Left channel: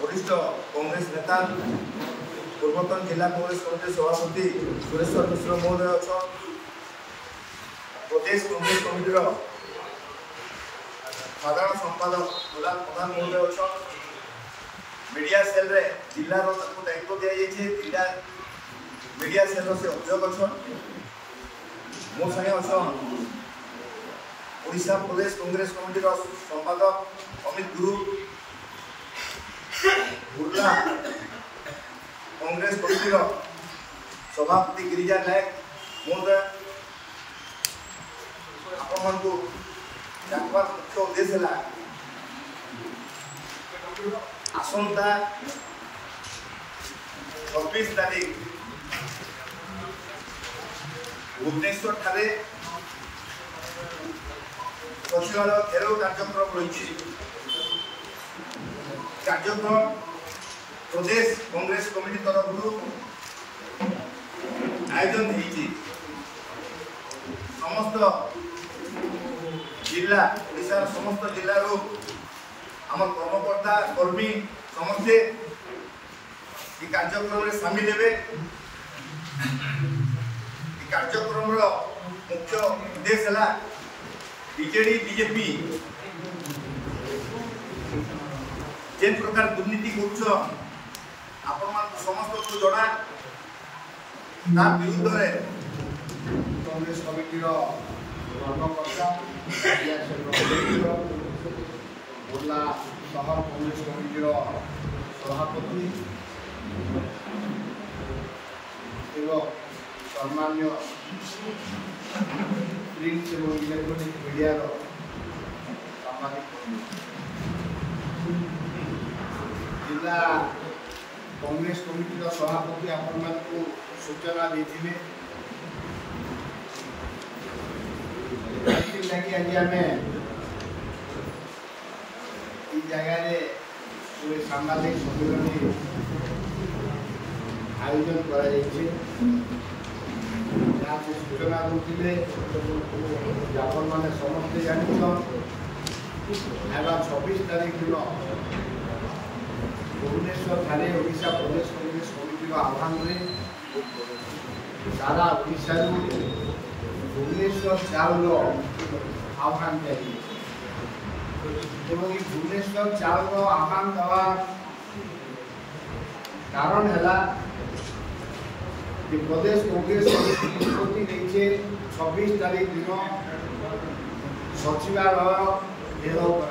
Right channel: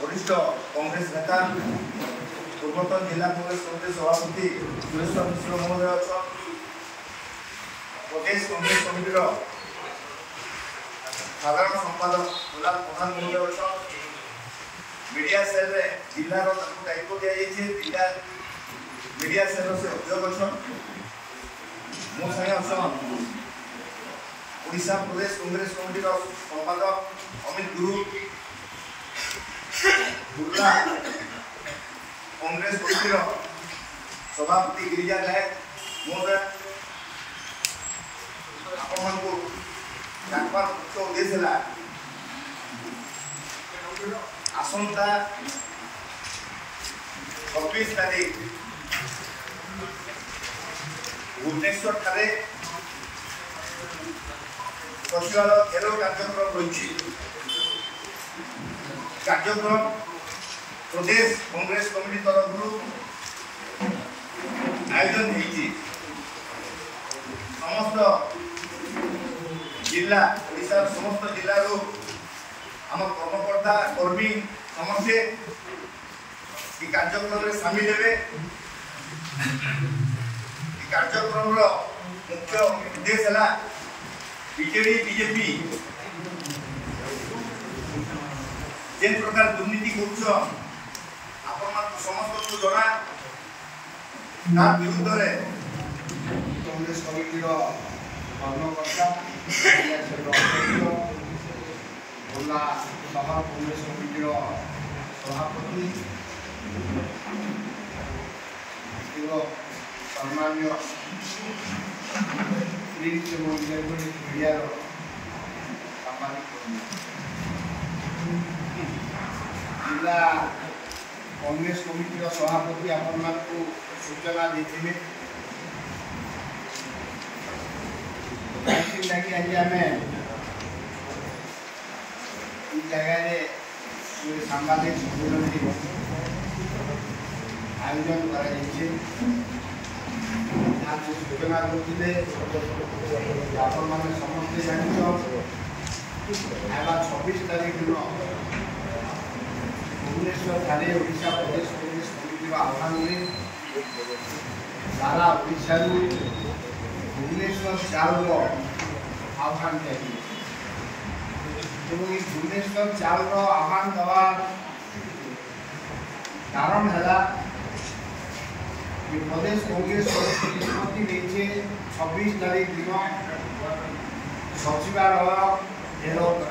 वरिष्ठ कांग्रेस नेता पूर्वतन जिला कांग्रेस कमिटी सभापति सुरेश्वर मिश्र महोदय अच्छा प्रदेश कांग्रेस कमिटी साधारण संपादक गुलाम प्रधान महोदय अच्छा मीडिया सेल रे जिला दायित्व दि जिला मीडिया सेल से अभियोग अच्छा मो संगे अच्छा ओडिशा प्रदेश कांग्रेस कमिटी संपादक अमित गुरु बुर्ला कांग्रेस कमिटी सभापति गिरिजा नायक महोदय आपण मुख्य उद्देश्य है आसंता 26 तारीख भुवनेश्वर ठारे सचिवालय घेराव कार्यक्रम रही कार्यक्रम प्रदेश कांग्रेस कमिटी तरफ आयोजन होती समस्त जिला ओडिशा समस्त जिलू आम कर्मकर्ता कर्मी समस्ते कार्यक्रम में सामिल हे कार्यक्रम मुख्य उद्देश्य है बीजेडी बीजेपी जे प्रकार दुर्नीति कर समस्त को जना विरुद्ध कांग्रेस कमिटी कर्मकर्ता बुर्ला शहर कांग्रेस कमिटी सभापति एवं सम्मान्य प्रिंट और इलेक्ट्रोनिक मीडिया सांबादिक जिला कांग्रेस कमिटी सभापति आपण को सूचना देते लगी आज आम जगह सांबादिक सम्मेलन आयोजन कर सूचना दूसरे आपण मैंने समस्ते जान 26 तारीख दिन भुवनेश्वर ठारे ओडिशा प्रदेश कांग्रेस कमिटी आह्वान में सारा ओडिशा भुवनेश्वर चाउल आह्वान दिया भुवनेश्वर चाउल आह्वान दवा कारण है कि प्रदेश कांग्रेस कमिटी निष्पत्ति नहीं 26 तारीख दिन सचिवालय घेराव कर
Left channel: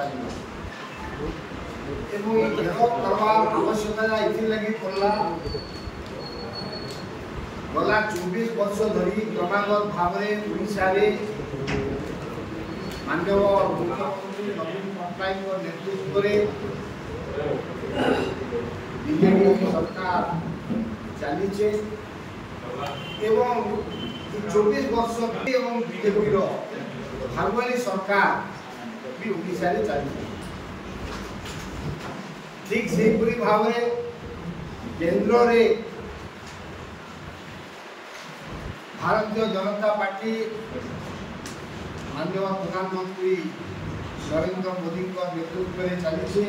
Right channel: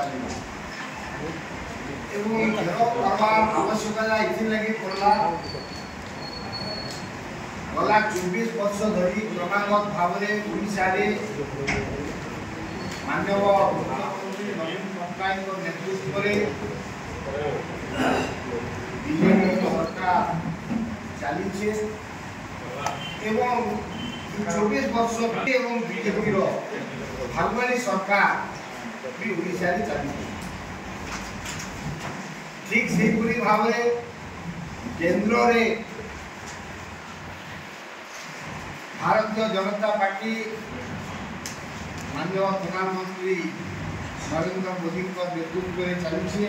घेराव करवार आवश्यकता ये पड़ा गला 24 वर्ष धरी क्रमागत भाव में ओडिशा माननीय मुख्यमंत्री नवीन पट्टनायक नेतृत्व बीजेपी सरकार चली एवं 24 वर्ष एवं बीजेपी भागवाली सरकार भी ओडिशा चली ठीक से भाव केंद्र में भारतीय जनता पार्टी माननीय प्रधानमंत्री नरेंद्र मोदी नेतृत्व में चली